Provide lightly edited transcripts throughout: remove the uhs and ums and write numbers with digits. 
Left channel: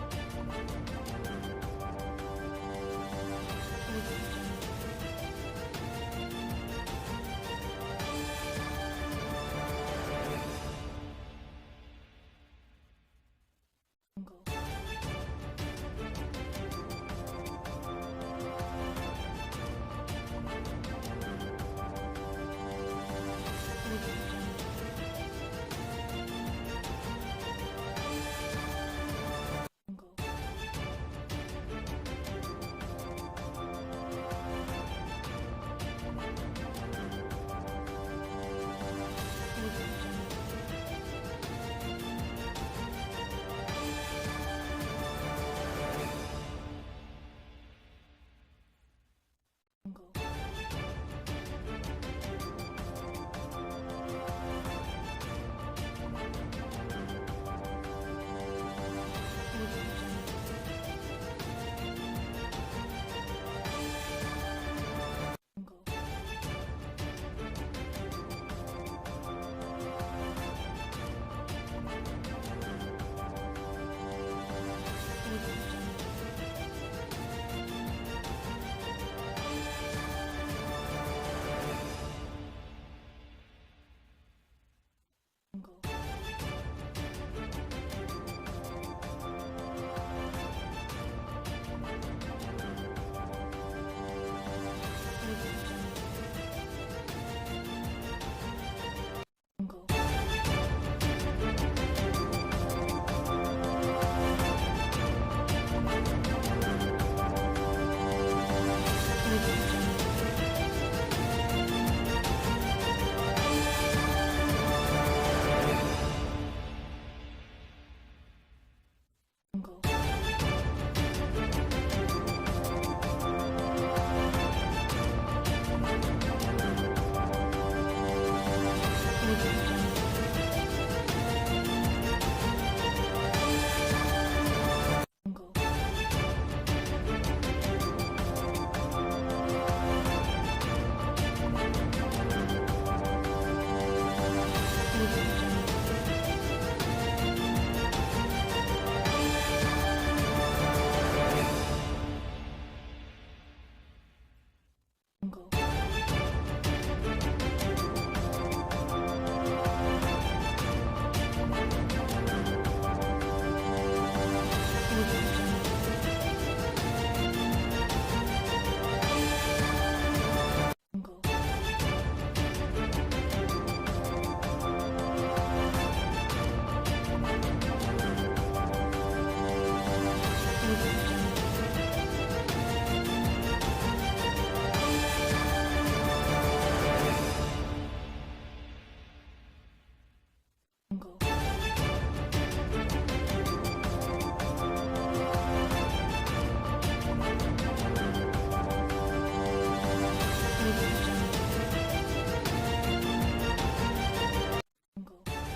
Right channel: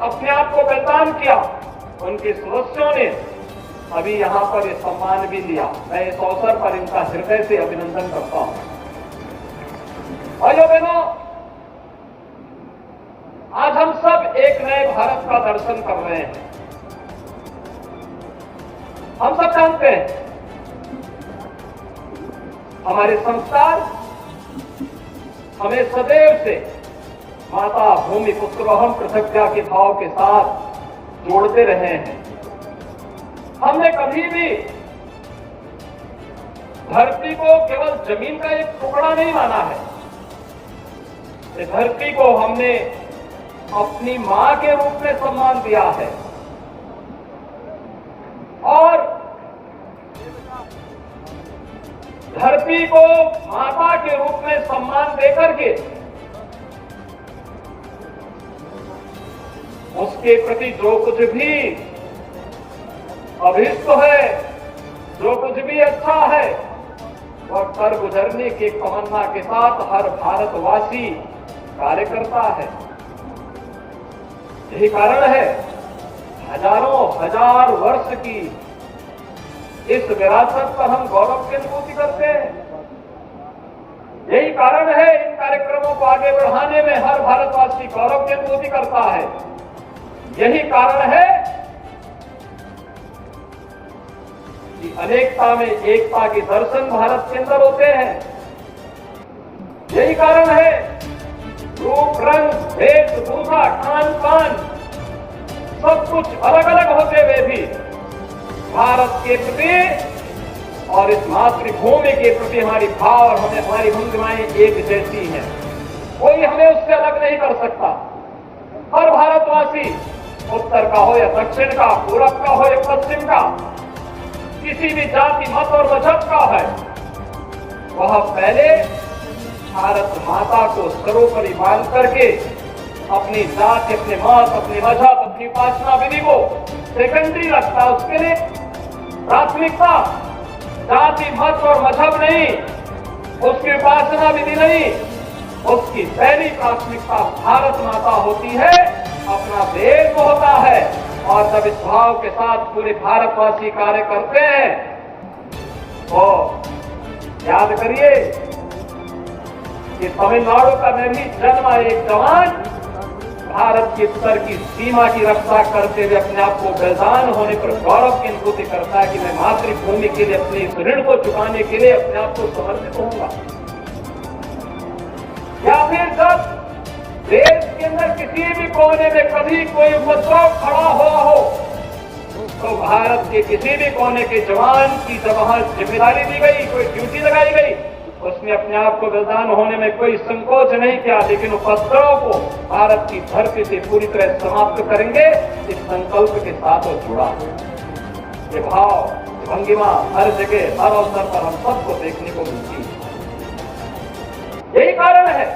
अपने आप को पहचान किया, उनके सदस्यों ने अभी यहाँ पर ये सम्मान भी लिया। मैं इस अवसर पर इनका हृदय से अभिनंदन करता हूं। भाइयों बहनों, आज हम सब एक नए भारत का दर्शन कर रहे हैं। हम सब जानते हैं हमारे संस्कार हमें सदैव से माता भूमि पुत्रवहम प्रतिज्ञा के भाव के साथ जोड़ते रहे हैं। हमने कभी भी धरती को केवल जमीन का एक टुकड़ा नहीं माना है। इस धरती को हमने अपनी मां के रूप में सम्मान दिया है और धरती को माता के रूप में सम्मान देकर के उसके प्रति जो कुछ भी अभिष्ट है, जो कुछ भी अच्छा है, वह कर गुजरने की तमन्ना के साथ हर भारतवासी कार्य करता है। यही कारण है हजारों हजार वर्ष की इस विरासत पर हम गौरव की अनुभूति करते हैं। यही कारण है इन कार्यक्रमों को आगे बढ़ाने में हर भारतवासी गौरव की अनुभूति करता है। यही कारण है कि अनेकता में एकता के दर्शन भारत के अंदर होते हैं। यही कारण है रूप रंग वेशभूषा खान पान सब कुछ अलग अलग होते हुए भी भारत के प्रति और इस मातृभूमि के प्रति हमारी भाव और हमारी भूमिकाएं एक जैसी हैं। कोई हमें उससे अलग नहीं कर सकता। हर भारतवासी उत्तर का हो या दक्षिण का, पूरब का हो या पश्चिम का, किसी भी जाति मत और मजहब का है, वह पहले भारत माता को सर्वोपरि मान करके अपनी जाति, अपने मत, अपनी मजहब, अपनी उपासना विधि को सेकेंडरी रखता। उसके लिए प्राथमिकता जाति मत और मजहब नहीं, उसकी उपासना विधि नहीं, उसकी पहली प्राथमिकता भारत माता होती है, अपना देश होता है। और जब इस भाव के साथ पूरे भारतवासी कार्य करते हैं तो याद करिए कि तमिलनाडु का मैं भी जन्मा एक जवान भारत की उत्तर की सीमा की रक्षा करते हुए अपने आप को बलिदान होने पर गौरव की अनुभूति करता है कि मैं मातृभूमि के लिए अपने इस ऋण को चुकाने के लिए अपने आप को समर्पित होऊंगा। या फिर जब देश के अंदर किसी भी कोने में कभी कोई उपद्रव खड़ा हुआ हो तो भारत के किसी भी कोने के जवान की जब वहां जिम्मेदारी दी गई, कोई ड्यूटी लगाई गई, उसने अपने आप को बलिदान होने में कोई संकोच नहीं किया, लेकिन उपद्रव को भारत की धरती से पूरी तरह समाप्त करेंगे इस संकल्प के साथ वो जुड़ा। ये भाव, भंगिमा हर जगह हर अवसर पर हम सबको देखने को मिलती है। यही कारण है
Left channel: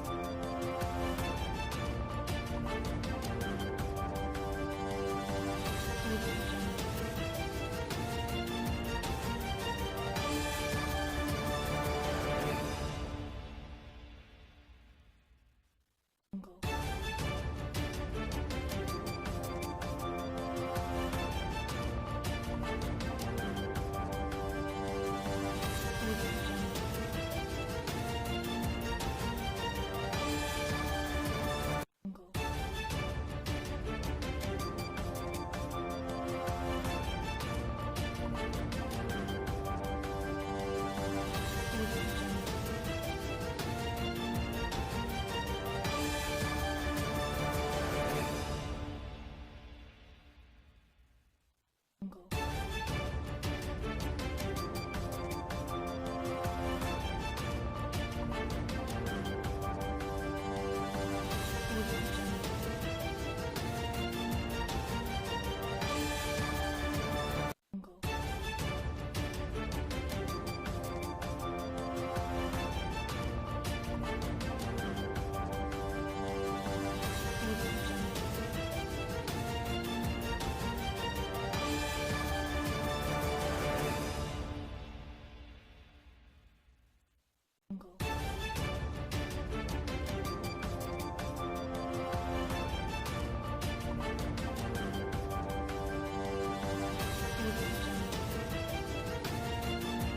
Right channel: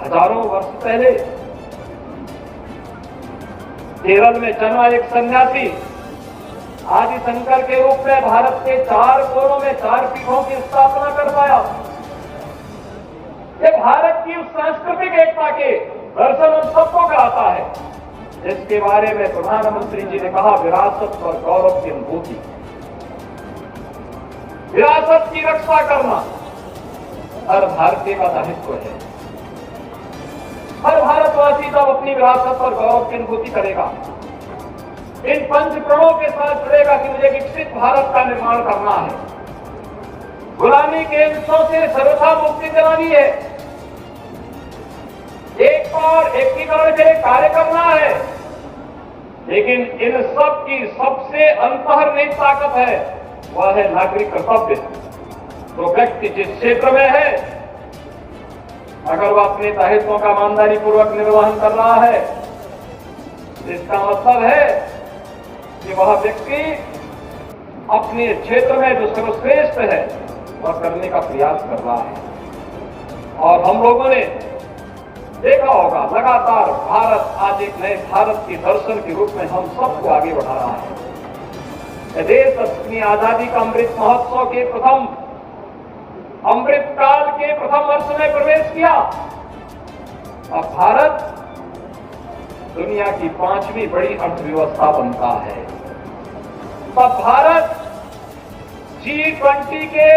हजारों वर्ष पहले केरल में जन्मा एक सन्यासी आदि शंकर के रूप में भारत के 4 कोनों में 4 पीठों की स्थापना कर पाया। ये भारत की उस सांस्कृतिक एकता के दर्शन हम सबको कराता है जिसके बारे में प्रधानमंत्री जी ने कहा, विरासत और गौरव की अनुभूति। विरासत की रक्षा करना हर भारतीय का दायित्व है। हर भारतवासी जब अपनी विरासत और गौरव की अनुभूति करेगा, इन 5 प्रणों के साथ जुड़ेगा कि मुझे विकसित भारत का निर्माण करना है, गुलामी के अंशों से सर्वथा मुक्ति दिलानी है, एक और एकीकरण के लिए कार्य करना है। लेकिन इन सब की सबसे अंतर्निहित ताकत है, वह है नागरिक कर्तव्य। तो व्यक्ति जिस क्षेत्र में है, अगर वह अपने दायित्वों का ईमानदारी पूर्वक निर्वहन कर रहा है, इसका मतलब है कि वह व्यक्ति अपने क्षेत्र में जो सर्वश्रेष्ठ है वह करने का प्रयास कर रहा है। और हम लोगों ने देखा होगा लगातार भारत आज एक नए भारत के दर्शन के रूप में हम सबको आगे बढ़ा रहा है। देश अपनी आजादी का अमृत महोत्सव के प्रथम अमृत काल के प्रथम वर्ष में प्रवेश किया। अब भारत दुनिया की 5वीं बड़ी अर्थव्यवस्था बनता है। तब भारत G20 के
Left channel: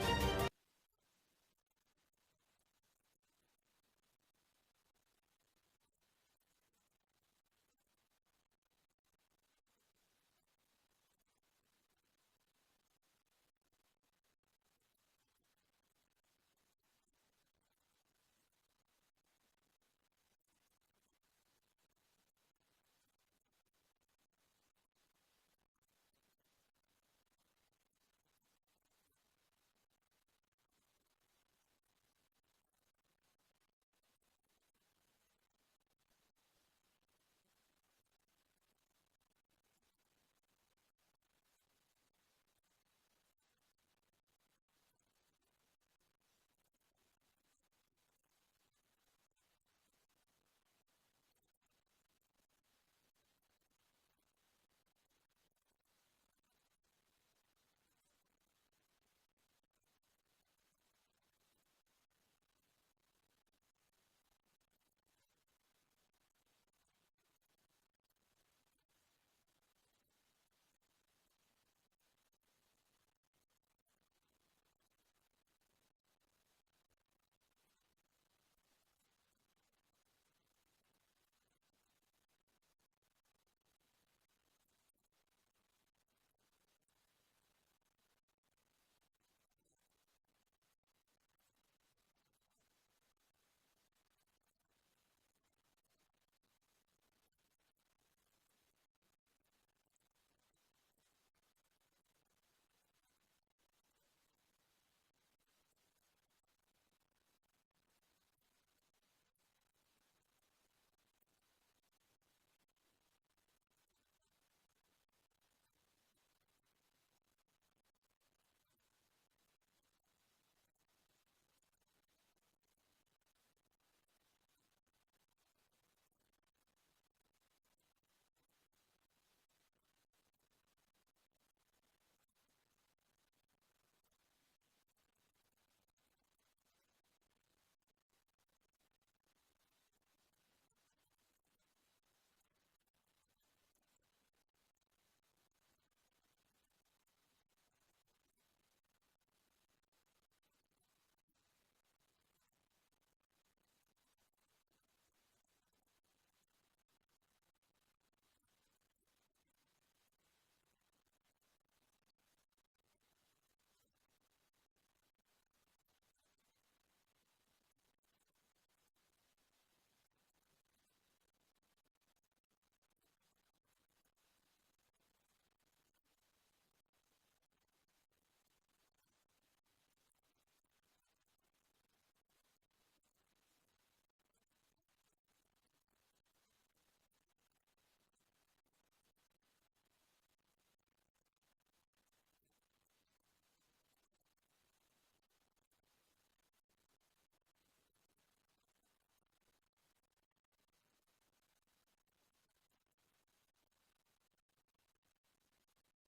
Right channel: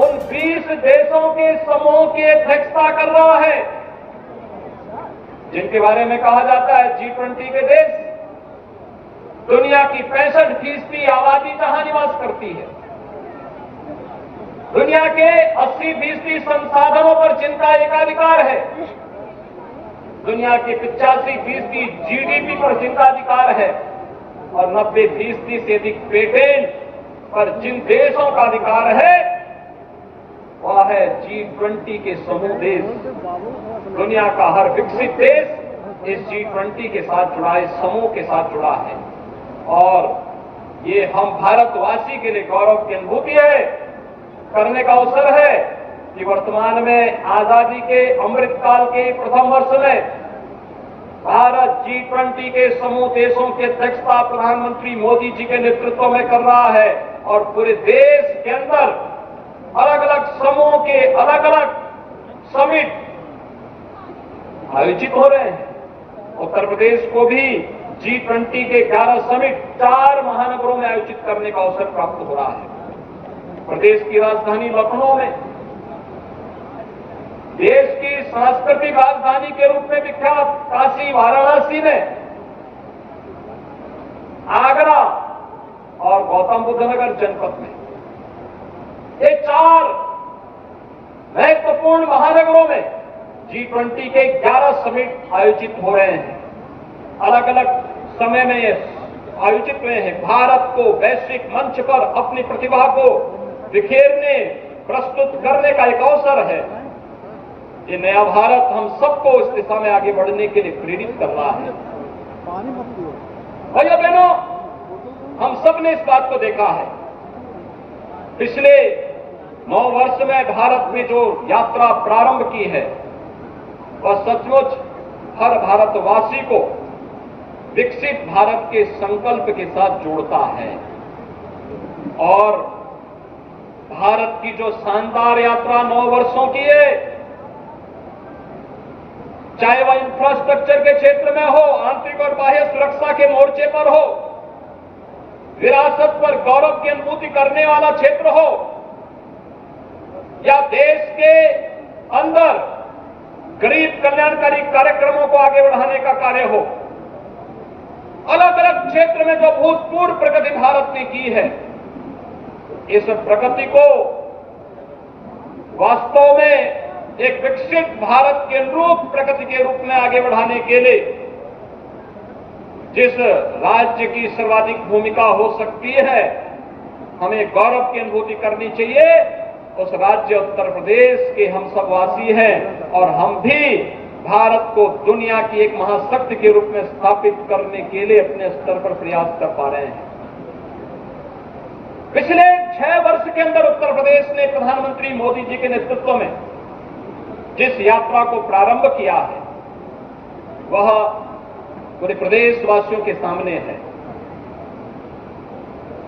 उन 20 देशों के समूह की अध्यक्षता कर रहा है जिनके बारे में कहा जाता है G20 के देश दुनिया की 65% आबादी जहां निवास करती है, दुनिया के 80% संसाधनों पर जिनका एकाधिकार है, दुनिया के 85% जीडीपी पर जिनका अधिकार है और 90% से अधिक पेटेंट पर जिन देशों का अधिकार है वह है G20 के समूह देश। दुनिया का हर विकसित देश इस G20 के साथ जुड़ा है, इस समूह के साथ जुड़ा है और ये हम भारतवासी के लिए गौरव की अनुभूति है, करने का अवसर है कि वर्तमान में आजादी के अमृतकाल के प्रथम वर्ष में भारत G20 के समूह देशों की अध्यक्षता प्रधानमंत्री मोदी जी के नेतृत्व में कर रहा है और पूरे देश के अंदर अलग अलग समूह के अलग अलग समिट आयोजित हो रहे हैं। उत्तर प्रदेश को भी G20 के 11 समिट 4 महानगरों में आयोजित करने का अवसर प्राप्त हो रहा है। प्रदेश की राजधानी लखनऊ में, देश की सांस्कृतिक राजधानी के रूप में विख्यात काशी वाराणसी में, आगरा और गौतम बुद्ध नगर जनपद में, ये 4 महत्वपूर्ण महानगरों में G20 के 11 समिट आयोजित हो रहे हैं। अलग अलग समय में ये आयोजित हुए हैं। भारत को वैश्विक मंच पर अपनी प्रतिभा को बिखेरने, प्रस्तुत करने का एक अवसर है। ये नया भारत हम सबको इस दिशा में आगे बढ़ने के लिए प्रेरित कर रहा है। भाइयों बहनों, हम सब ने इस बात को देखा है। पिछले 9 वर्ष में भारत में जो यात्रा प्रारंभ की है वह सचमुच हर भारतवासी को विकसित भारत के संकल्प के साथ जोड़ता है और भारत की जो शानदार यात्रा 9 वर्षों की है, चाहे वह इंफ्रास्ट्रक्चर के क्षेत्र में हो, आंतरिक और बाह्य सुरक्षा के मोर्चे पर हो, विरासत पर गौरव की अनुभूति करने वाला क्षेत्र हो या देश के अंदर गरीब कल्याणकारी कार्यक्रमों को आगे बढ़ाने का कार्य हो, अलग अलग क्षेत्र में जो भूतपूर्व प्रगति भारत ने की है, इस प्रगति को वास्तव में एक विकसित भारत के अनुरूप प्रगति के रूप में आगे बढ़ाने के लिए जिस राज्य की सर्वाधिक भूमिका हो सकती है, हमें गौरव की अनुभूति करनी चाहिए। उस राज्य उत्तर प्रदेश के हम सब वासी हैं और हम भी भारत को दुनिया की एक महाशक्ति के रूप में स्थापित करने के लिए अपने स्तर पर प्रयास कर पा रहे हैं। पिछले 6 वर्ष के अंदर उत्तर प्रदेश ने प्रधानमंत्री मोदी जी के नेतृत्व में जिस यात्रा को प्रारंभ किया है वह पूरे प्रदेशवासियों के सामने है।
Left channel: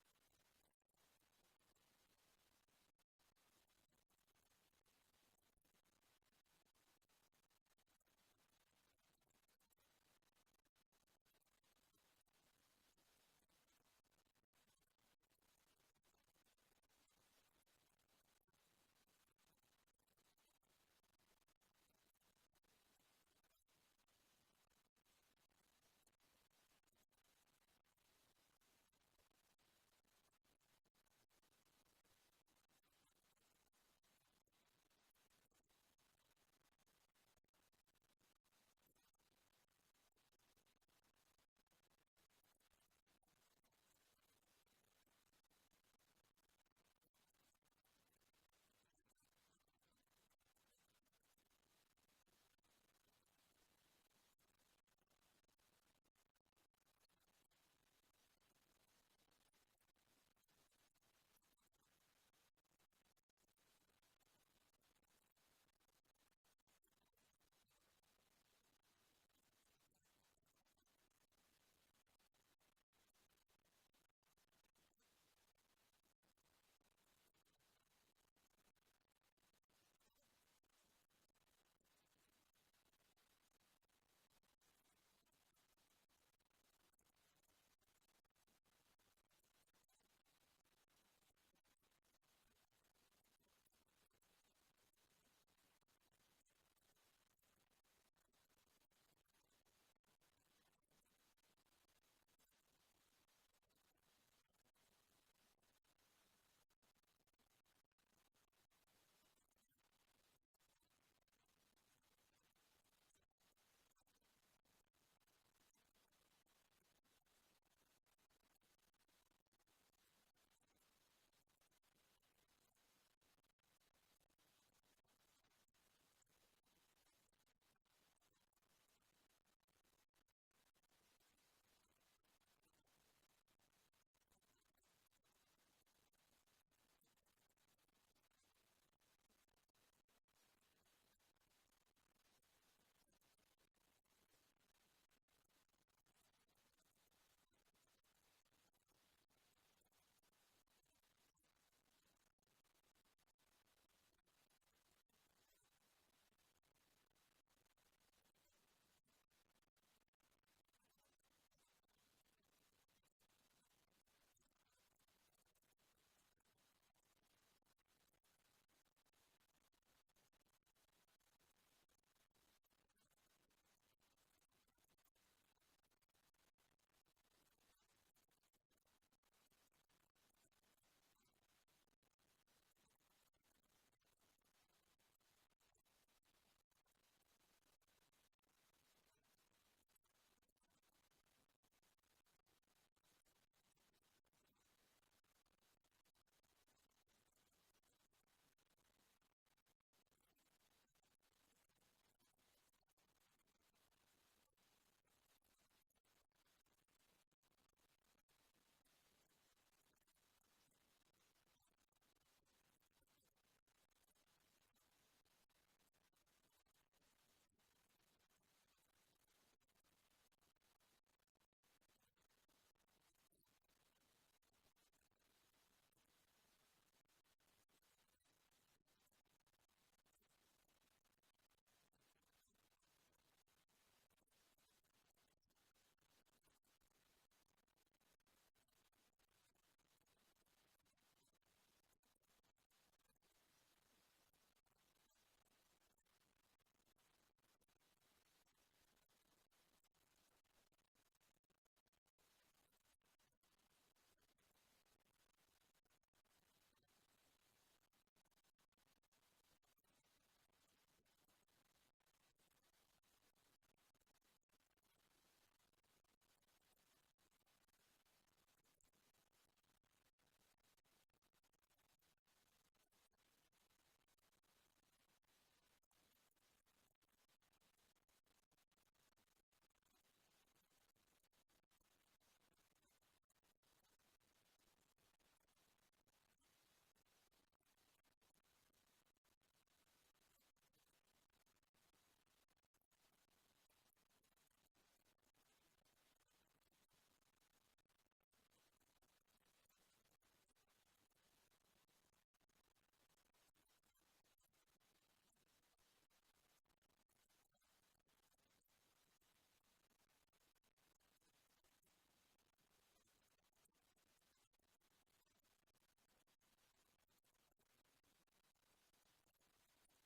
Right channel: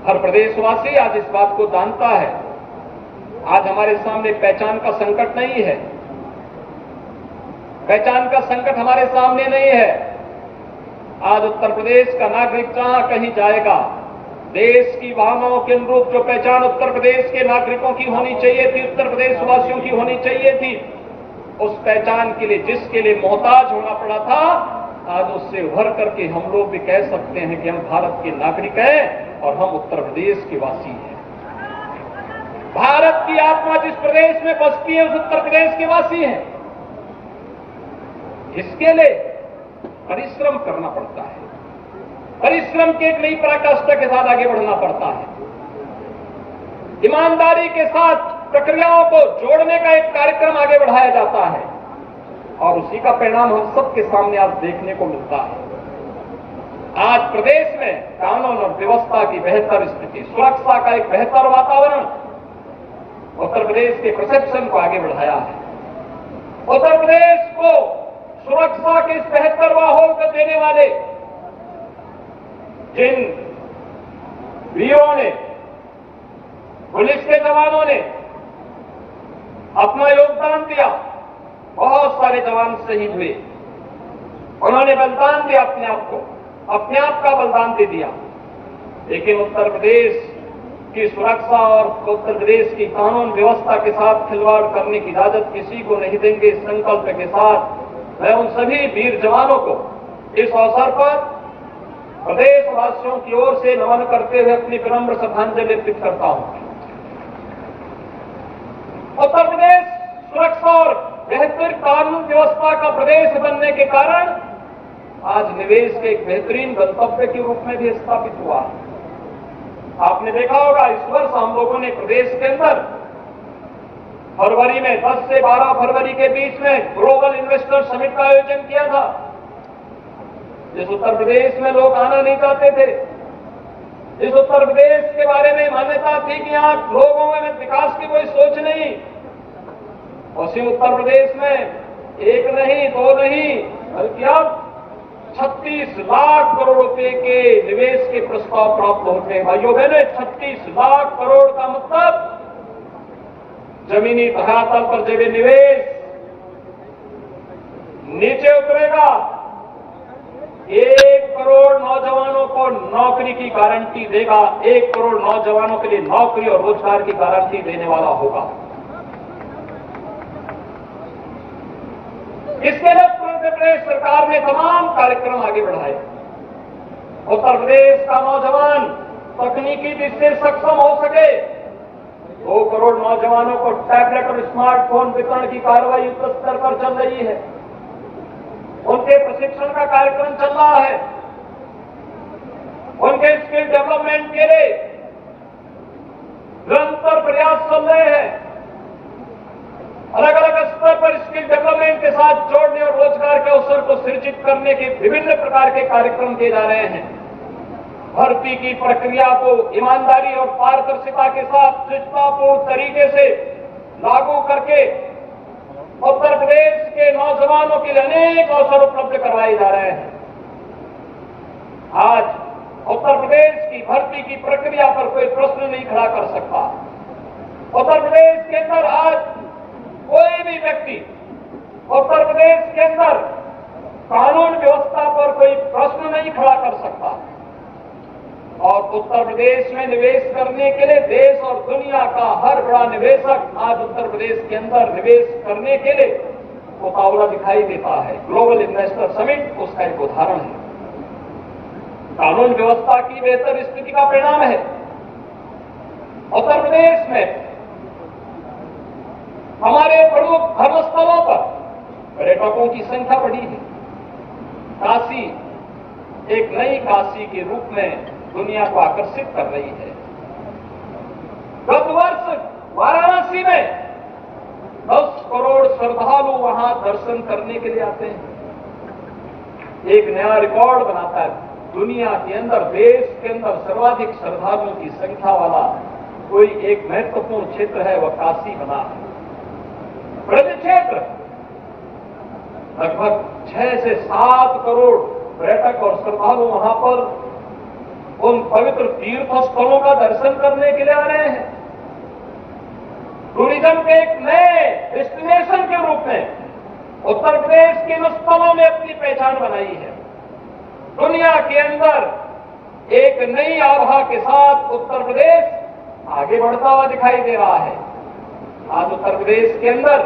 हर प्रदेशवासी आज इस बात को जानता है। आज हमारे सामने पहचान का संकट नहीं है, पहचान का संकट हमारे सामने नहीं है। आज उत्तर प्रदेश का नागरिक जहां कहीं जाएगा, देश की भावनाओं के अनुरूप जो पहचान उत्तर प्रदेश के नागरिकों की होनी चाहिए थी, उत्तर प्रदेश वासियों की होनी चाहिए थी, उस पहचान के लिए जिसके लिए मोहताज होना पड़ा था, आज उससे उभर करके हम लोग भी कह सकते हैं कि हम भारत के नागरिक हैं और हम उत्तर प्रदेश के वासी हैं। भारत की आत्मा जिस प्रदेश में बसती है उस उत्तर प्रदेश के वासी हैं। इसके लिए परिश्रम करना पड़ता है, परिश्रम की एक नई पराकाष्ठा के साथ आगे बढ़ना पड़ता है, ईमानदारी के साथ प्रक्रियाओं को जोड़ने का एक कार्यक्रम आगे बढ़ाया जाता है और उसी का परिणाम हम सबके सामने आज देखने को मिलता है। आज प्रदेश में कानून और व्यवस्था की बेहतर स्थिति, सुरक्षा का एक बेहतर वातावरण उत्तर प्रदेश के परसेप्शन को आगे बढ़ाया है। उत्तर प्रदेश को सुरक्षा के इस बेहतर माहौल को देने वाले जिन वीरों ने, पुलिस के जवानों ने अपना योगदान दिया, बहुत सारे जवान शहीद हुए। उन्होंने बलिदान दिया अपने आप का बलिदान दे दिया। लेकिन उत्तर प्रदेश की सुरक्षा और उत्तर प्रदेश की कानून व्यवस्था के साथ खिलवाड़ करने की इजाजत किसी को नहीं देंगे। इस संकल्प के साथ मैं उन सभी वीर जवानों को इस अवसर पर प्रदेशवासियों की ओर से नमन करते हुए अपनी विनम्र श्रद्धांजलि अर्पित करता हूं। उत्तर प्रदेश सुरक्षा और बेहतर कानून व्यवस्था का प्रदेश बनने के कारण आज निवेश के एक बेहतरीन गंतव्य के रूप में भी स्थापित हुआ। आपने देखा होगा इस वर्ष हम लोगों ने प्रदेश के अंदर फरवरी में 10 से 12 फरवरी के बीच में ग्लोबल इन्वेस्टर समिट का आयोजन किया था। जिस उत्तर प्रदेश में लोग आना नहीं चाहते थे, इस उत्तर प्रदेश के बारे में मान्यता थी कि यहाँ लोगों में विकास की कोई सोच नहीं, उसी उत्तर प्रदेश में एक नहीं दो नहीं बल्कि अब 36 लाख करोड़ रुपए के निवेश के प्रस्ताव प्राप्त होते हैं। भाइयों बहनों, 36 लाख करोड़ का मतलब जमीनी धरातल पर जब निवेश नीचे उतरेगा, 1 करोड़ नौजवानों को नौकरी की गारंटी देगा। 1 करोड़ नौजवानों के लिए नौकरी और रोजगार की गारंटी देने वाला होगा। इसके लिए उत्तर प्रदेश सरकार ने तमाम कार्यक्रम आगे बढ़ाए। उत्तर प्रदेश का नौजवान तकनीकी दृष्टि से सक्षम हो सके, 2 करोड़ नौजवानों को टैबलेट और स्मार्टफोन वितरण की कार्रवाई युद्ध स्तर पर चल रही है। उनके प्रशिक्षण का कार्यक्रम चल रहा है। उनके स्किल डेवलपमेंट के लिए निरंतर प्रयास चल रहे हैं। अलग अलग स्तर पर स्किल डेवलपमेंट के साथ जोड़ने और रोजगार के अवसर को सृजित करने के विभिन्न प्रकार के कार्यक्रम किए जा रहे हैं। भर्ती की प्रक्रिया को ईमानदारी और पारदर्शिता के साथ निष्ठापूर्ण तरीके से लागू करके उत्तर प्रदेश के नौजवानों के लिए अनेक अवसर उपलब्ध करवाए जा रहे हैं। आज उत्तर प्रदेश की भर्ती की प्रक्रिया पर कोई प्रश्न नहीं खड़ा कर सकता। उत्तर प्रदेश के अंदर आज कोई भी व्यक्ति उत्तर प्रदेश के अंदर कानून व्यवस्था पर कोई प्रश्न नहीं खड़ा कर सकता। और उत्तर प्रदेश में निवेश करने के लिए देश और दुनिया का हर बड़ा निवेशक आज उत्तर प्रदेश के अंदर निवेश करने के लिए उतावला दिखाई देता है। ग्लोबल इन्वेस्टर समिट उसका एक उदाहरण है। कानून व्यवस्था की बेहतर स्थिति का परिणाम है। उत्तर प्रदेश में हमारे प्रमुख धर्मस्थलों पर पर्यटकों की संख्या बढ़ी है। काशी एक नई काशी के रूप में दुनिया को आकर्षित कर रही है। गत वर्ष वाराणसी में 10 करोड़ श्रद्धालु वहां दर्शन करने के लिए आते हैं। एक नया रिकॉर्ड बनाता है। दुनिया के अंदर, देश के अंदर सर्वाधिक श्रद्धालुओं की संख्या वाला कोई एक महत्वपूर्ण क्षेत्र है, वह काशी बना है। ब्रज क्षेत्र लगभग 6 से 7 करोड़ पर्यटक और श्रद्धालु वहां पर उन पवित्र तीर्थ स्थलों का दर्शन करने के लिए आ रहे हैं। टूरिज्म के एक नए डेस्टिनेशन के रूप में उत्तर प्रदेश के इन स्थलों ने अपनी पहचान बनाई है। दुनिया के अंदर एक नई आभा के साथ उत्तर प्रदेश आगे बढ़ता हुआ दिखाई दे रहा है। आज उत्तर प्रदेश के अंदर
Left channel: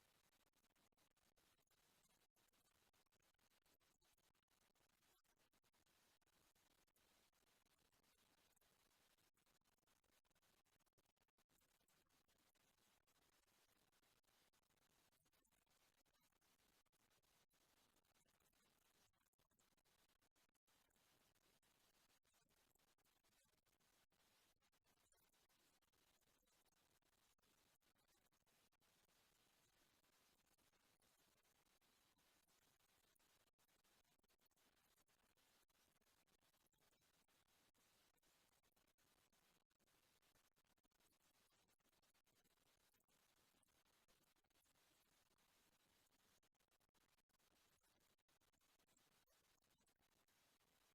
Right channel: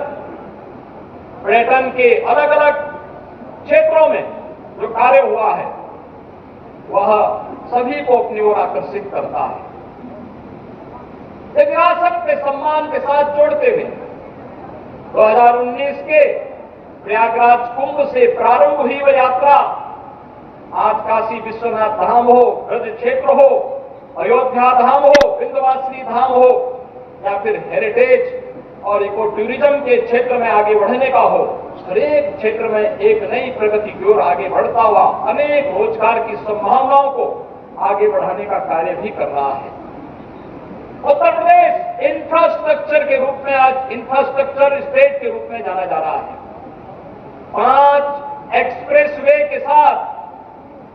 पर्यटन के अलग अलग क्षेत्रों में जो कार्य हुआ है वह सभी को अपनी ओर आकर्षित करता है। एक विरासत के सम्मान के साथ जोड़ते हुए 2019 के प्रयागराज कुंभ से प्रारंभ हुई वह यात्रा आज काशी विश्वनाथ धाम हो, ब्रज क्षेत्र हो, अयोध्या धाम हो, विंध्यवासिनी धाम हो या फिर हेरिटेज और इको टूरिज्म के क्षेत्र में आगे बढ़ने का हो, हर एक क्षेत्र में एक नई प्रगति की ओर आगे बढ़ता हुआ अनेक रोजगार की संभावनाओं को आगे बढ़ाने का कार्य भी कर रहा है। उत्तर प्रदेश इंफ्रास्ट्रक्चर के रूप में आज इंफ्रास्ट्रक्चर स्टेट के रूप में जाना जा रहा है। 5 एक्सप्रेसवे के साथ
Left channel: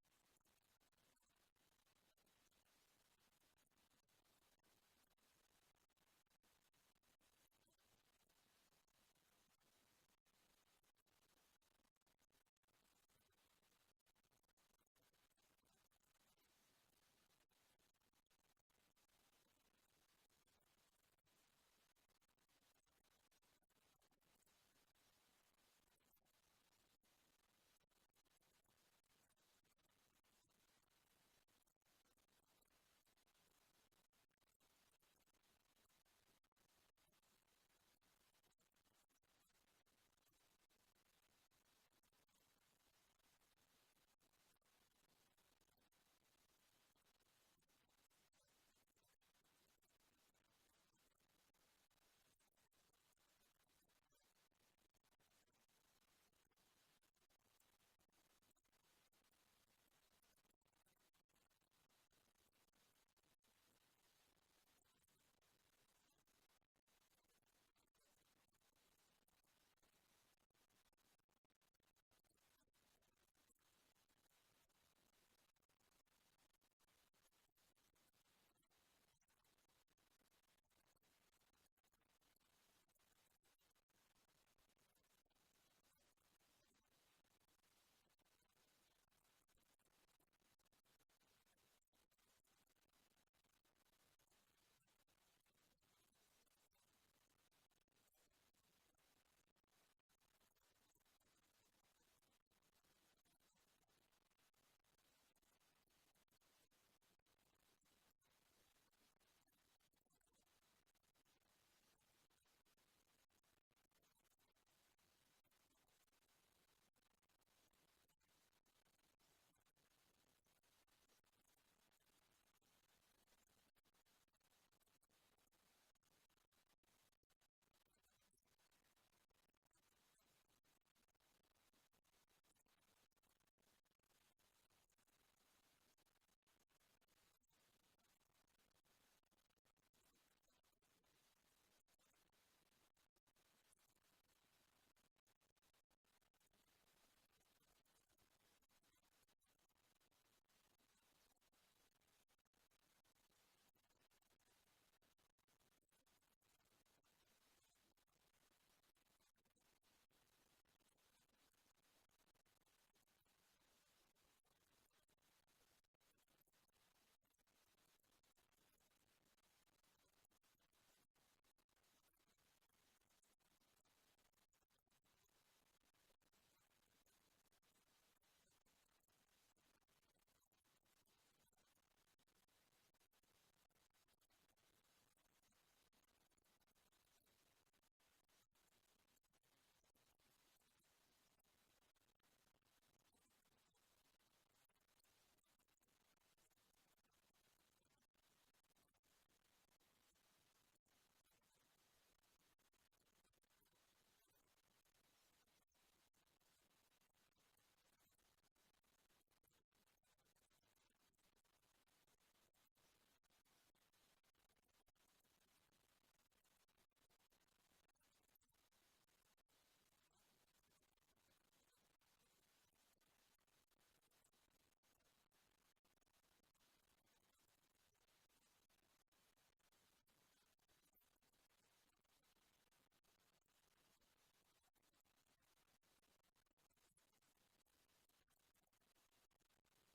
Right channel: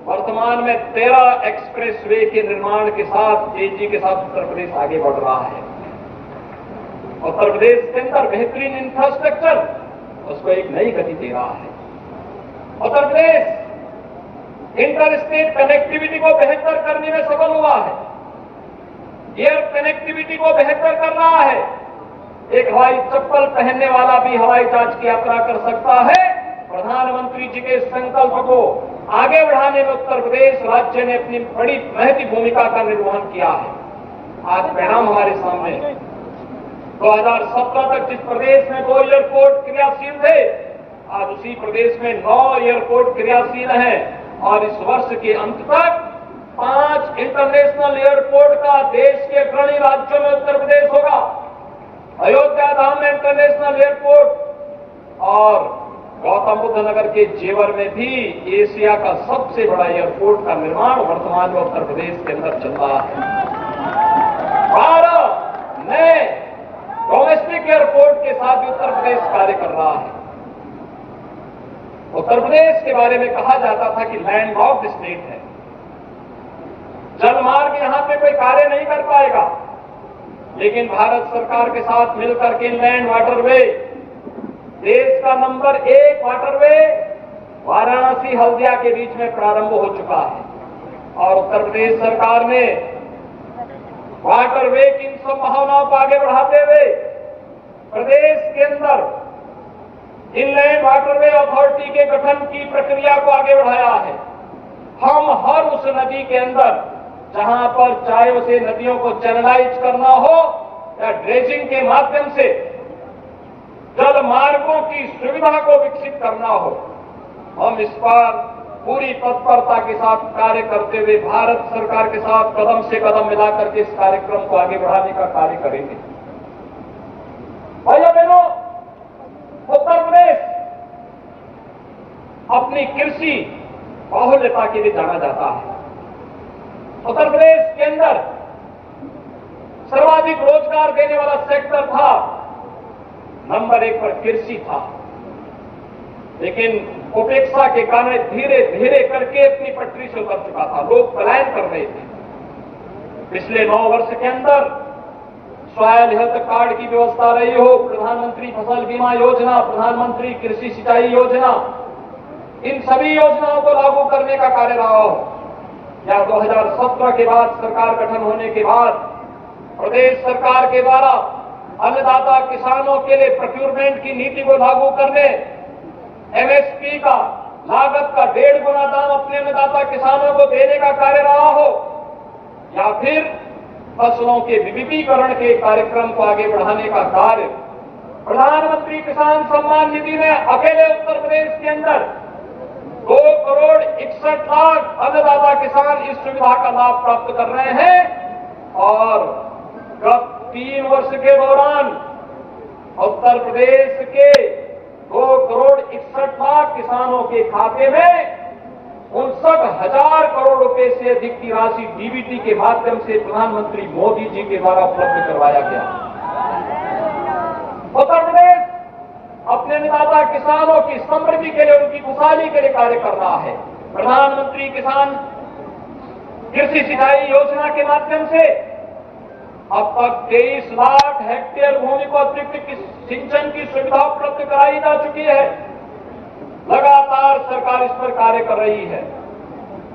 वर्तमान में 13 एक्सप्रेसवे के निर्माण के साथ तेजी के साथ उत्तर प्रदेश आगे बढ़ रहा है। उत्तर प्रदेश के अंदर बेहतरीन इंफ्रास्ट्रक्चर उसको एक नई गति दे रहा है। Uttar Pradesh inter state connectivity को बेहतर करने में सफल हुआ है, एयर कनेक्टिविटी को बेहतर कर रहा है। एक हवाई चप्पल पहनने वाला भी हवाई जहाज की यात्रा कर सकता है। प्रधानमंत्री जी के संकल्प को आगे बढ़ाने में उत्तर प्रदेश राज्य ने अपनी बड़ी महती भूमिका का निर्वहन किया है। आज परिणाम हमारे सामने 2017 तक जिस प्रदेश में 2 एयरपोर्ट क्रियाशील थे, आज उसी प्रदेश में 9 एयरपोर्ट क्रियाशील हैं और इस वर्ष के अंत तक 5 इंटरनेशनल एयरपोर्ट का देश के अग्रणी राज्यों में उत्तर प्रदेश होगा। अयोध्या धाम में इंटरनेशनल एयरपोर्ट और गौतम बुद्ध नगर के जेवर में भी एशिया का सबसे बड़ा एयरपोर्ट का निर्माण वर्तमान में उत्तर प्रदेश के अंदर चल रहा है। 12 नए डोमेस्टिक एयरपोर्ट के साथ भी उत्तर प्रदेश कार्य कर रहा है। उत्तर प्रदेश के बारे में कहा जाता था कि लैंड लॉक्ड स्टेट है, जलमार्ग यहां पे कोई कार्य नहीं कर पाएगा, लेकिन भारत सरकार के साथ मिलकर के लैंड वाटरवे, देश का नंबर 1 वाटरवे वाराणसी हल्दिया के बीच में प्रारंभ हो चुका है और उत्तर प्रदेश सरकार ने वाटरवे की इन संभावनाओं को आगे बढ़ाते हुए प्रदेश के अंदर इनलैंड वाटरवे अथॉरिटी के गठन की प्रक्रिया को आगे बढ़ाया है। हम हर उस नदी के अंदर जहां पर चाहे उसे नदियों को चैनलाइज करना हो या ड्रेजिंग के माध्यम से जल मार्गों की सुविधा को विकसित करना हो, हम इस पर पूरी तत्परता के साथ कार्य करते हुए भारत सरकार के साथ कदम से कदम मिलाकर के इस कार्यक्रम को आगे बढ़ाने का कार्य करेंगे। भाइयों बहनों, उत्तर प्रदेश अपनी कृषि बाहुल्यता के लिए जाना जाता है। उत्तर प्रदेश के अंदर सर्वाधिक रोजगार देने वाला सेक्टर था, नंबर 1 पर कृषि था, लेकिन उपेक्षा के कारण धीरे धीरे करके अपनी पटरी से उतर चुका था। लोग पलायन कर रहे थे। पिछले 9 वर्ष के अंदर सॉयल हेल्थ कार्ड की व्यवस्था रही हो, प्रधानमंत्री फसल बीमा योजना, प्रधानमंत्री कृषि सिंचाई योजना, इन सभी योजनाओं को लागू करने का कार्य रहा हो, या 2017 के बाद सरकार गठन होने के बाद प्रदेश सरकार के द्वारा अन्नदाता किसानों के लिए प्रोक्योरमेंट की नीति को लागू करने, एमएसपी का लागत का 1.5 गुना दाम अपने अन्नदाता किसानों को देने का कार्य रहा हो, या फिर फसलों के विविधीकरण के कार्यक्रम को आगे बढ़ाने का कार्य। प्रधानमंत्री किसान सम्मान निधि में अकेले उत्तर प्रदेश के अंदर 2 करोड़ 61 लाख अन्नदाता किसान इस सुविधा का लाभ प्राप्त कर रहे हैं और गत 3 वर्ष के दौरान उत्तर प्रदेश के 2 करोड़ 61 लाख किसानों के खाते में 59,000 करोड़ रुपए से अधिक की राशि डीबीटी के माध्यम से प्रधानमंत्री मोदी जी के द्वारा उपलब्ध करवाया गया। उत्तर प्रदेश अपने अन्नदाता किसानों की समृद्धि के लिए, उनकी खुशहाली के लिए कार्य कर रहा है। प्रधानमंत्री किसान कृषि सिंचाई योजना के माध्यम से अब तक 23 लाख हेक्टेयर भूमि को अतिरिक्त सिंचन की सुविधा उपलब्ध कराई जा चुकी है। लगातार सरकार इस पर कार्य कर रही है।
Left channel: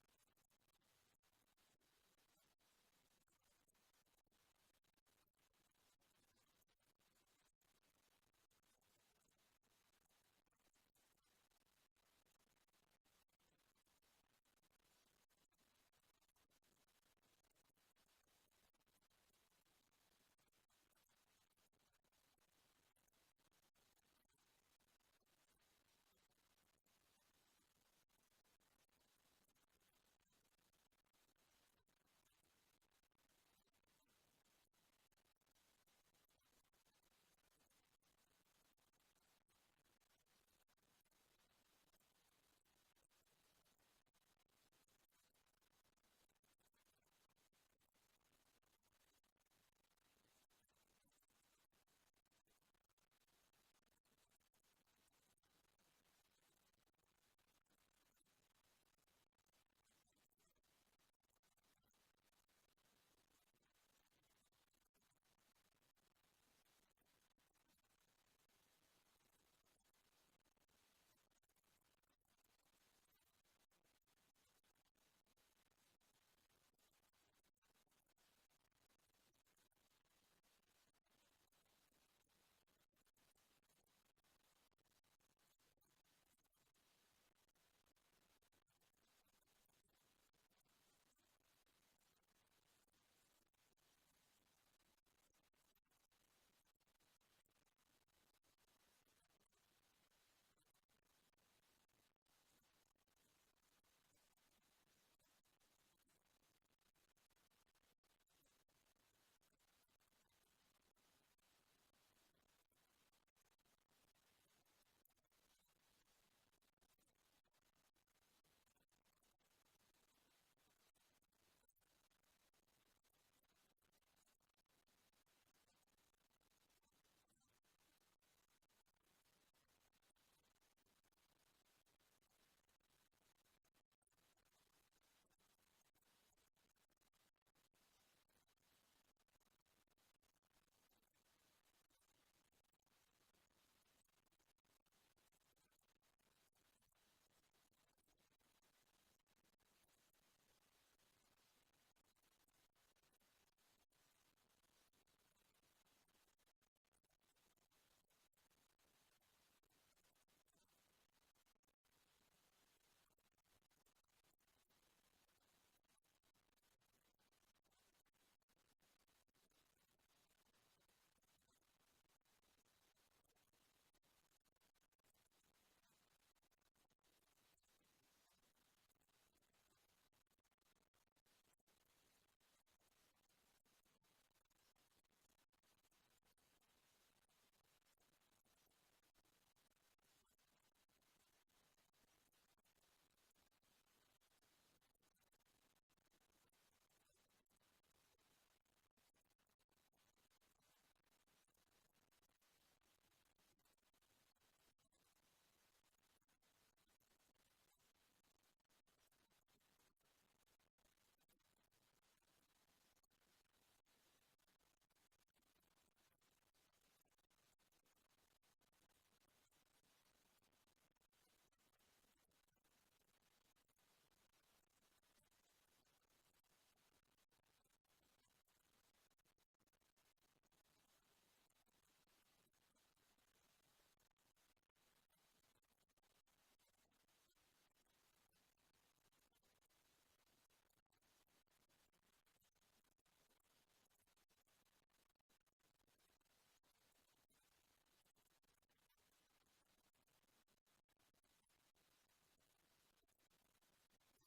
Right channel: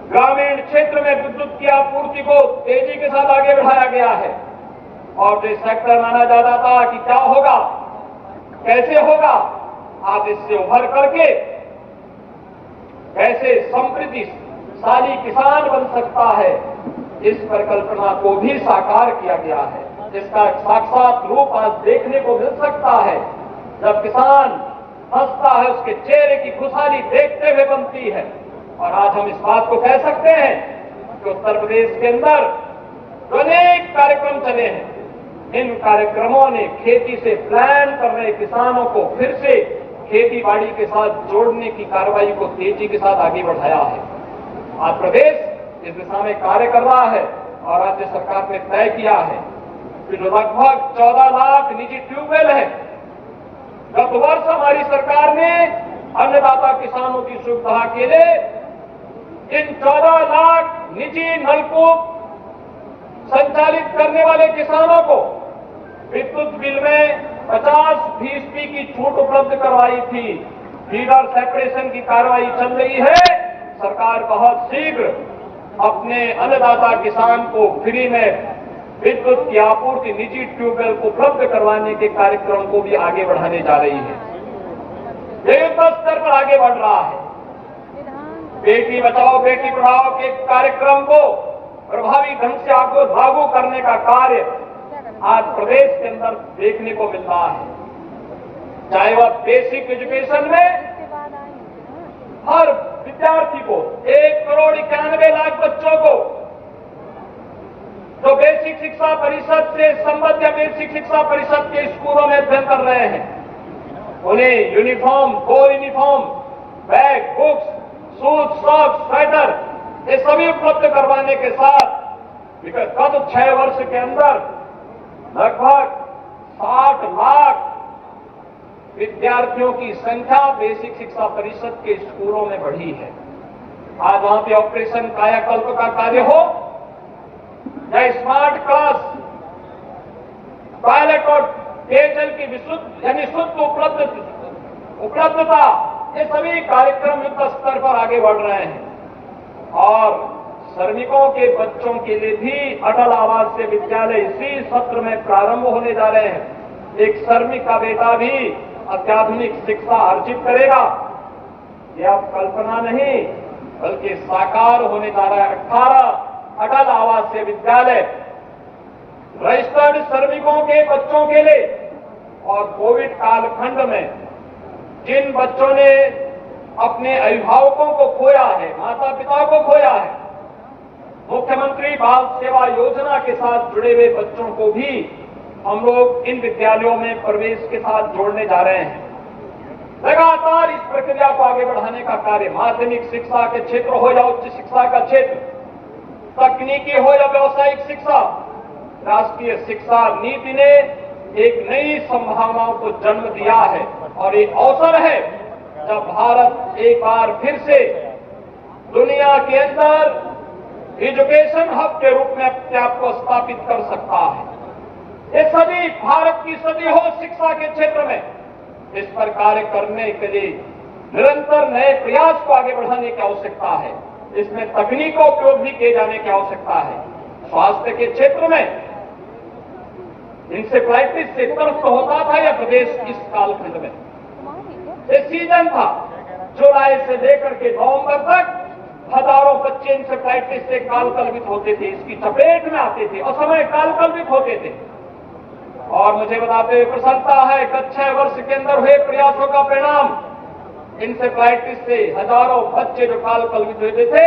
ग्रामीण क्षेत्र में विद्युत की आपूर्ति को तेजी के साथ आगे बढ़ाया गया है और जो सेक्टर माना जाता था कि क्या होगा, कैसे होगा, आज इससे उभर करके कैसे समृद्धिशाली किसान बन सकता है, इस परिकल्पना को भी साकार किया गया है। इसका साक्षात रूप आज देखने को मिल सकता है। जब किसान हंसता है, उसके चेहरे की खुशहाली देखते हुए बनती है। और आज हम इस बात को कह सकते हैं कि उत्तर प्रदेश के अंदर अनेक कार्यक्रम चले हैं। इन कार्यक्रमों ने खेती से प्लान कर रहे किसानों को फिर से खेती बाड़ी के साथ जोड़ने की कार्रवाई को तेजी के साथ आगे बढ़ाया है। आज प्रदेश इस दिशा में कार्य कर रहा है और राज्य सरकार ने तय किया है कि जो लगभग 14 लाख निजी ट्यूबवेल है, गत वर्ष हमारी सरकार ने अन्नदाता किसानों की सुविधा के लिए इन 14 लाख निजी नलकूप संचालित करने वाले किसानों को विद्युत बिल में 50% की छूट उपलब्ध करवाई थी। फीडर सेपरेशन की कार्रवाई चल रही है। सरकार बहुत शीघ्र अपने अन्नदाता किसान को फ्री में विद्युत की आपूर्ति निजी ट्यूबवेल को उपलब्ध करवाने के कार्यक्रम को भी आगे बढ़ाने जा रही है। ये युद्ध स्तर पर आगे बढ़ रहा है। बेटी बचाओ बेटी पढ़ाओ के कार्यक्रम को प्रभावी ढंग से आपको लागू करने का कार्य आज प्रदेश के अंदर देखने को मिल रहा है। चाहे वह बेसिक एजुकेशन में हर विद्यार्थी को 1,91,00,000 बच्चों को जो बेसिक शिक्षा परिषद से संबद्ध या बेसिक शिक्षा परिषद के स्कूलों में अध्ययन कर रहे हैं, उन्हें uniform, 2 uniform, bag, books, shoes, socks, sweater ये सभी उपलब्ध करवाने के साथ विगत 6 वर्ष के अंदर लगभग 60 लाख विद्यार्थियों की संख्या बेसिक शिक्षा परिषद के स्कूलों में बढ़ी है। आज वहां पे ऑपरेशन कायाकल्प का कार्य हो या स्मार्ट क्लास, टॉयलेट और पेयजल की विशुद्ध यानी शुद्ध उपलब्धता, ये सभी कार्यक्रम युद्ध स्तर पर आगे बढ़ रहे हैं। और श्रमिकों के बच्चों के लिए भी अटल आवासीय विद्यालय इसी सत्र में प्रारंभ होने जा रहे हैं। एक श्रमिक का बेटा भी अत्याधुनिक शिक्षा अर्जित करेगा। यह अब कल्पना नहीं बल्कि साकार होने जा रहा है। 18 अटल आवासीय विद्यालय रजिस्टर्ड श्रमिकों के बच्चों के लिए। और कोविड कालखंड में जिन बच्चों ने अपने अभिभावकों को खोया है, माता पिता को खोया है, मुख्यमंत्री बाल सेवा योजना के साथ जुड़े हुए बच्चों को भी हम लोग इन विद्यालयों में प्रवेश के साथ जोड़ने जा रहे हैं। लगातार इस प्रक्रिया को आगे बढ़ाने का कार्य माध्यमिक शिक्षा के क्षेत्र हो या उच्च शिक्षा का क्षेत्र, तकनीकी हो या व्यावसायिक शिक्षा, राष्ट्रीय शिक्षा नीति ने एक नई संभावनाओं को जन्म दिया है। और एक अवसर है जब भारत एक बार फिर से दुनिया के अंदर एजुकेशन हब के रूप में अपने आप को स्थापित कर सकता है। ये सदी भारत की सदी हो शिक्षा के क्षेत्र में, इस पर कार्य करने के लिए निरंतर नए प्रयास को आगे बढ़ाने की आवश्यकता है। इसमें तकनीक का उपयोग भी किए जाने की आवश्यकता है। स्वास्थ्य के क्षेत्र में इंसेफ्लाइटिस से त्रस्त होता था यह प्रदेश इस कालखंड में। ये सीजन था, जुलाई से लेकर के नवंबर तक हजारों बच्चे इंसेफ्लाइटिस से कालकलवित होते थे, इसकी चपेट में आते थे, असमय कालकलवित होते थे। और मुझे बताते हुए प्रसन्नता है गत 6 वर्ष के अंदर हुए प्रयासों का परिणाम इंसेफ्लाइटिस से हजारों बच्चे जो कालकलवित हुए थे,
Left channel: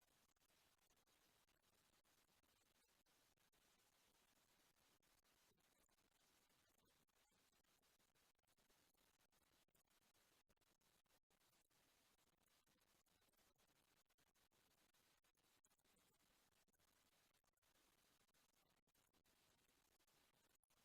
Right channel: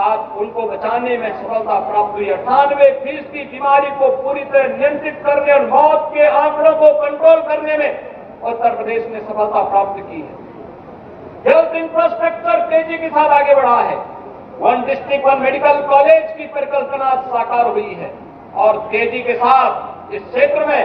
आज उनको बचाने में सफलता प्राप्त हुई। 98% बीमारी को पूरी तरह नियंत्रित करने और मौत के आंकड़ों को कंट्रोल करने में उत्तर प्रदेश ने सफलता प्राप्त की है। हेल्थ इंफ्रास्ट्रक्चर तेजी के साथ आगे बढ़ा है। 1 डिस्ट्रिक्ट 1 मेडिकल कॉलेज की परिकल्पना साकार हुई है। और तेजी के साथ इस क्षेत्र में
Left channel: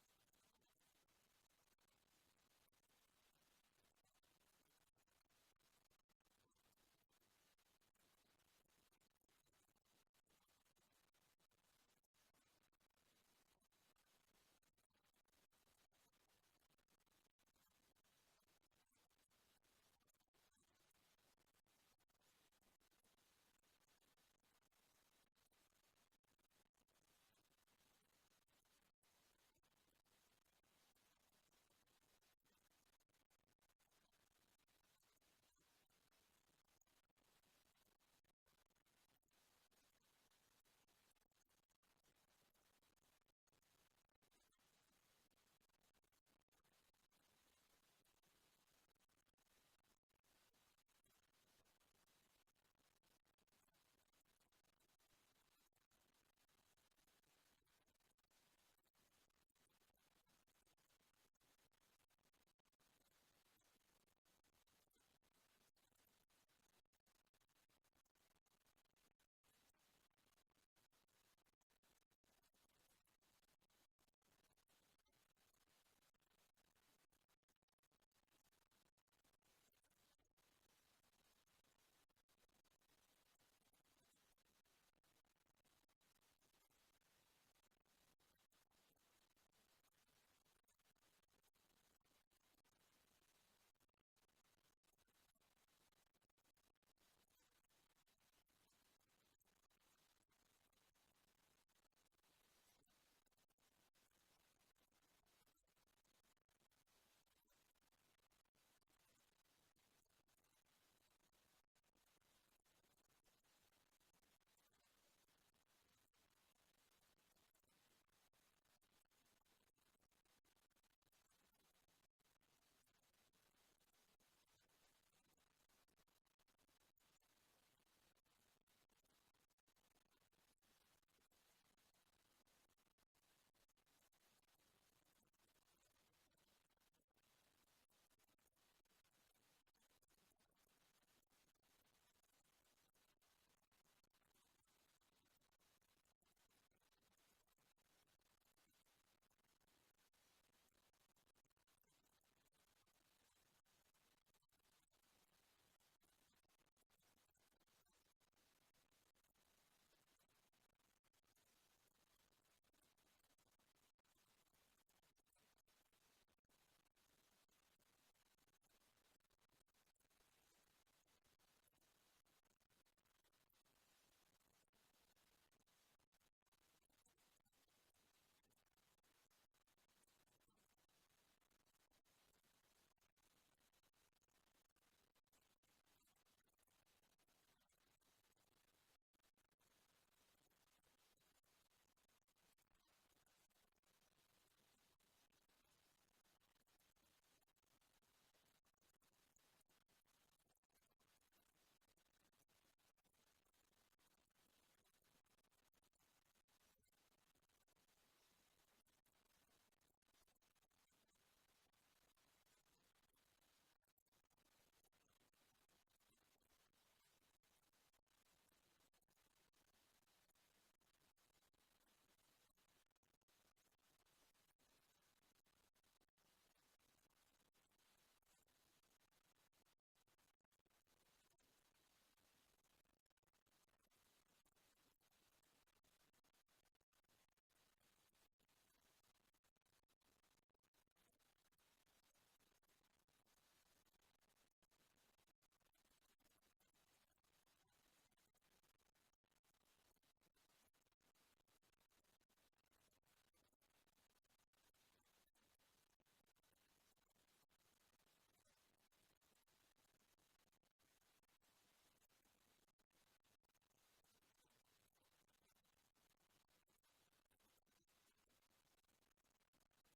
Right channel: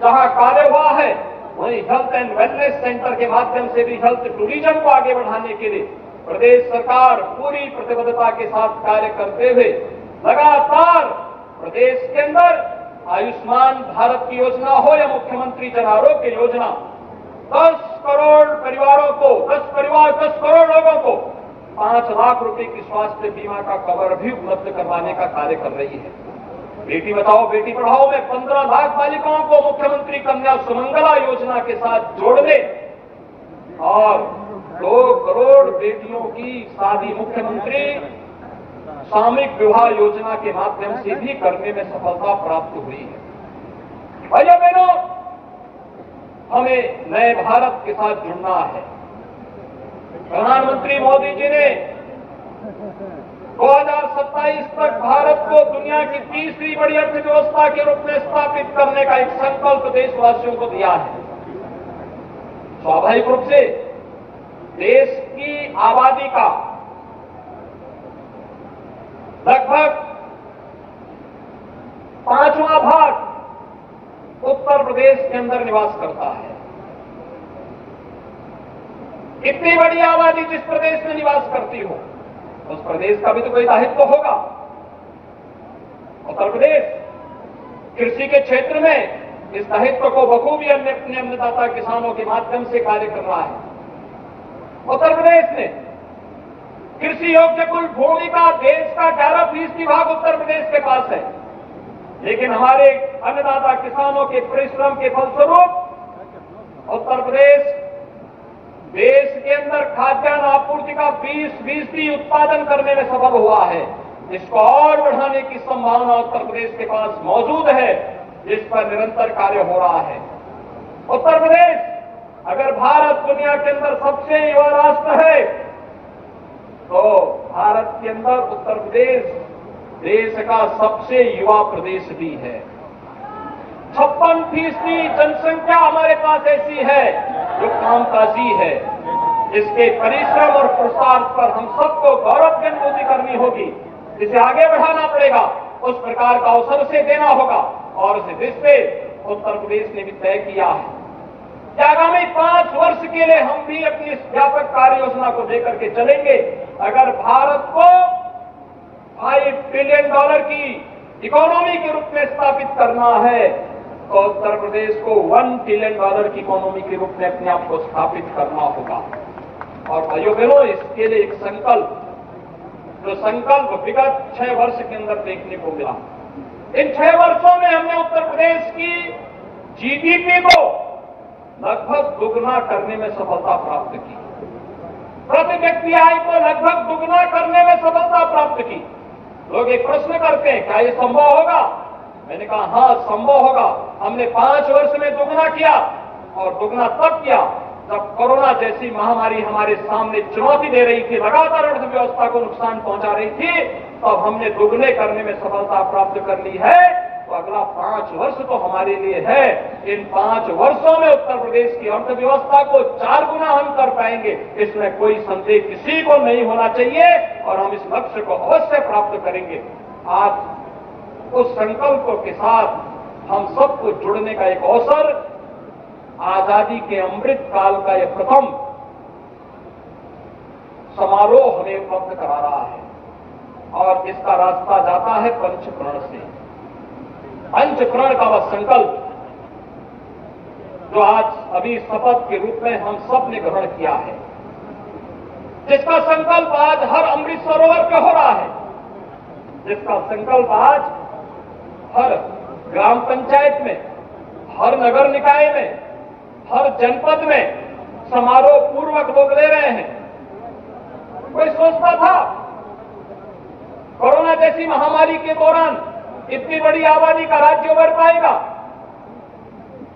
जहां कार्य हुआ है वहीं हेल्थ एंड वेलनेस सेंटर के माध्यम से भी हेल्थ टूरिज्म को आगे बढ़ाने के लिए प्रदेश सरकार पूरी प्रतिबद्धता के साथ कार्य करते हुए लगातार प्रदेश के अंदर आयुष्मान भारत की योजना हो या मुख्यमंत्री जन आरोग्य योजना, 10 करोड़ परिवारों को 10 करोड़ लोगों को 5 लाख रुपए की स्वास्थ्य बीमा का कवर भी उपलब्ध करवाने का कार्य कर रही है। बेटी बचाओ बेटी पढ़ाओ में 15 लाख बालिकाओं को मुख्यमंत्री कन्या सुमंगला योजना के साथ जोड़ने और 2 करोड़ बेटियों की शादी मुख्यमंत्री सामूहिक विवाह योजना के माध्यम से भी करने में सफलता प्राप्त हुई है। भाइयों बहनों, हमें नए भारत के साथ जुड़ना है। प्रधानमंत्री मोदी जी ने 2027 तक भारत को दुनिया की तीसरी बड़ी अर्थव्यवस्था के रूप में स्थापित करने का एक संकल्प देशवासियों को दिया है। स्वाभाविक रूप से देश की आबादी का लगभग 5वां भाग उत्तर प्रदेश के अंदर निवास करता है। इतनी बड़ी आबादी जिस प्रदेश में निवास करती हो उस प्रदेश का भी तो कोई दायित्व होगा। उत्तर प्रदेश कृषि के क्षेत्र में इस दायित्व को बखूबी अपने अन्नदाता किसानों के माध्यम से कार्य कर रहा है। उत्तर प्रदेश ने कृषि योग्य कुल भूमि का देश का 11% भाग उत्तर प्रदेश के पास है, लेकिन हमारे अन्नदाता किसानों के परिश्रम के फलस्वरूप उत्तर प्रदेश देश के अंदर खाद्यान्न आपूर्ति का 20% उत्पादन करने में सफल हुआ है। इसको और बढ़ाने की संभावना उत्तर प्रदेश के पास मौजूद है, जिस पर निरंतर कार्य हो रहा है। उत्तर प्रदेश अगर भारत दुनिया के अंदर सबसे युवा राष्ट्र है, तो भारत के अंदर उत्तर प्रदेश देश का सबसे युवा प्रदेश भी है। 56% जनसंख्या हमारे पास ऐसी है जो कामकाजी है। इसके परिश्रम और प्रसार पर हम सबको गौरव की अनुभूति करनी होगी, इसे आगे बढ़ाना पड़ेगा, उस प्रकार का अवसर से देना होगा। और इस दृष्टि से उत्तर प्रदेश ने भी तय किया है कि आगामी 5 वर्ष के लिए हम भी अपनी इस व्यापक कार्य योजना को लेकर के चलेंगे। अगर भारत को $5 ट्रिलियन की इकोनॉमी के रूप में स्थापित करना है, तो उत्तर प्रदेश को $1 ट्रिलियन की इकोनॉमी के रूप में अपने आप को स्थापित करना होगा। और भाइयों बहनों, इसके लिए एक संकल्प, जो संकल्प विगत 6 वर्ष के अंदर देखने को मिला। इन 6 वर्षों में हमने उत्तर प्रदेश की जीडीपी को लगभग दुगना करने में सफलता प्राप्त की, प्रति व्यक्ति आय को लगभग दुगना करने में सफलता प्राप्त की। लोग एक प्रश्न करते हैं, क्या ये संभव होगा? मैंने कहा हाँ, संभव होगा। हमने 5 वर्ष में दुगना किया, और दुगना तब किया जब कोरोना जैसी महामारी हमारे सामने चुनौती दे रही थी, लगातार अर्थव्यवस्था को नुकसान पहुंचा रही थी, तब हमने दुगने करने में सफलता प्राप्त कर ली है। तो अगला 5 वर्ष तो हमारे लिए है। इन 5 वर्षों में उत्तर प्रदेश की अर्थव्यवस्था को 4 गुना हम कर पाएंगे, इसमें कोई संदेह किसी को नहीं होना चाहिए, और हम इस लक्ष्य को अवश्य प्राप्त करेंगे। आज उस संकल्प के साथ हम सबको जुड़ने का एक अवसर आजादी के अमृत काल का यह प्रथम समारोह हमें उपलब्ध करा रहा है, और इसका रास्ता जाता है पंचप्रण से। पंचप्रण का वह संकल्प जो आज अभी शपथ के रूप में हम सब ने ग्रहण किया है, जिसका संकल्प आज हर अमृत सरोवर पे हो रहा है, जिसका संकल्प आज हर ग्राम पंचायत में, हर नगर निकाय में, हर जनपद में समारोह पूर्वक लोग ले रहे हैं। कोई सोचता था कोरोना जैसी महामारी के दौरान इतनी बड़ी आबादी का राज्य उभर पाएगा,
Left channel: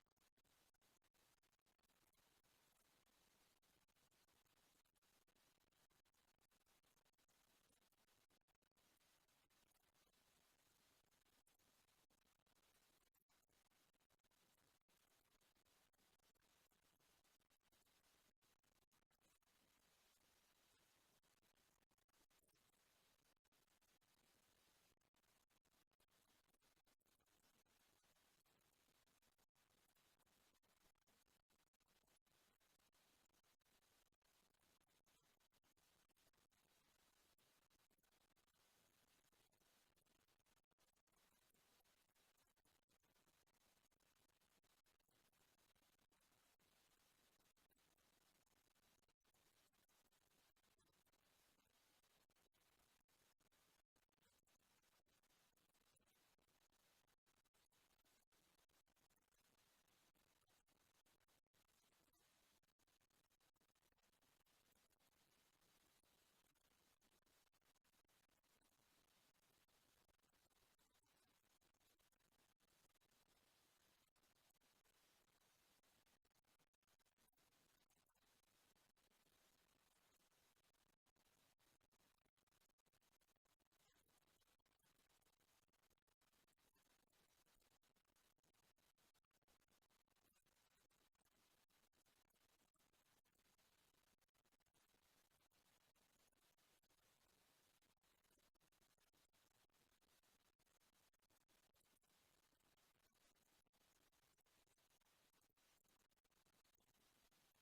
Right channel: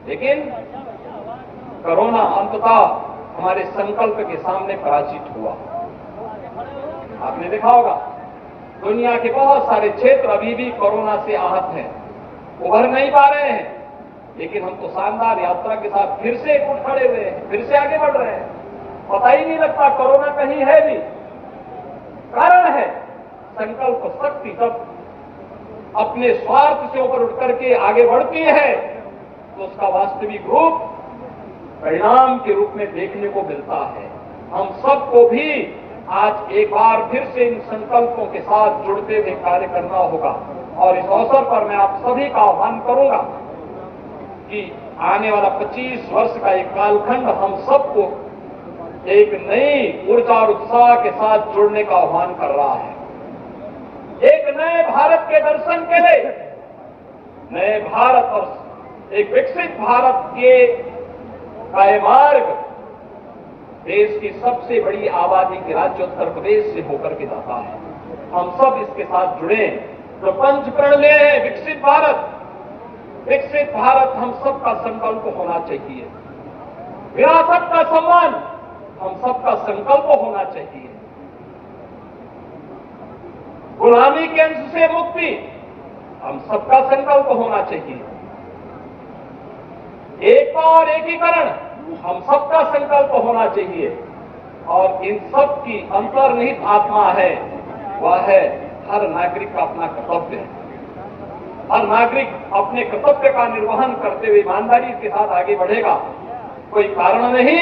लेकिन कोरोना अंततः हमारे संकल्प के सामने पराजित हुआ। आपने देखा होगा दुनिया के बहुत सारे क्षेत्र अभी भी कोरोना से आहत हैं, उभर नहीं पा रहे हैं, लेकिन हम तो शानदार यात्रा के साथ फिर से उठ खड़े हुए हैं, फिर से आगे बढ़ रहे हैं। पता ही नहीं लगता कोरोना कहीं है भी। कारण है संकल्प शक्ति जब अपने स्वार्थ से ऊपर उठ करके आगे बढ़ती है, तो उसका वास्तविक रूप परिणाम के रूप में देखने को मिलता है। हम सबको भी आज एक बार फिर से इन संकल्पों के साथ जुड़ते हुए कार्य करना होगा। और इस अवसर पर मैं आप सभी का आह्वान करूंगा कि आने वाला 25 वर्ष का एक कालखंड हम सबको एक नई ऊर्जा और उत्साह के साथ जुड़ने का आह्वान कर रहा है। एक नए भारत के दर्शन के लिए, नए भारत और एक विकसित भारत के का ये मार्ग देश की सबसे बड़ी आबादी के राज्य उत्तर प्रदेश से होकर के जाता है। हम सब इसके साथ जुड़े, जो पंचप्रण ले हैं, विकसित भारत हम सबका संकल्प होना चाहिए। विरासत का सम्मान हम सबका संकल्प होना चाहिए। गुलामी के अंश से मुक्ति हम सबका संकल्प होना चाहिए। एकता और एकीकरण हम सबका संकल्प होना चाहिए। और इन सब की अंतर्निहित आत्मा है, वह है हर नागरिक का अपना कर्तव्य है। हर नागरिक अपने कर्तव्य का निर्वहन करते हुए ईमानदारी के साथ आगे बढ़ेगा। कोई कारण नहीं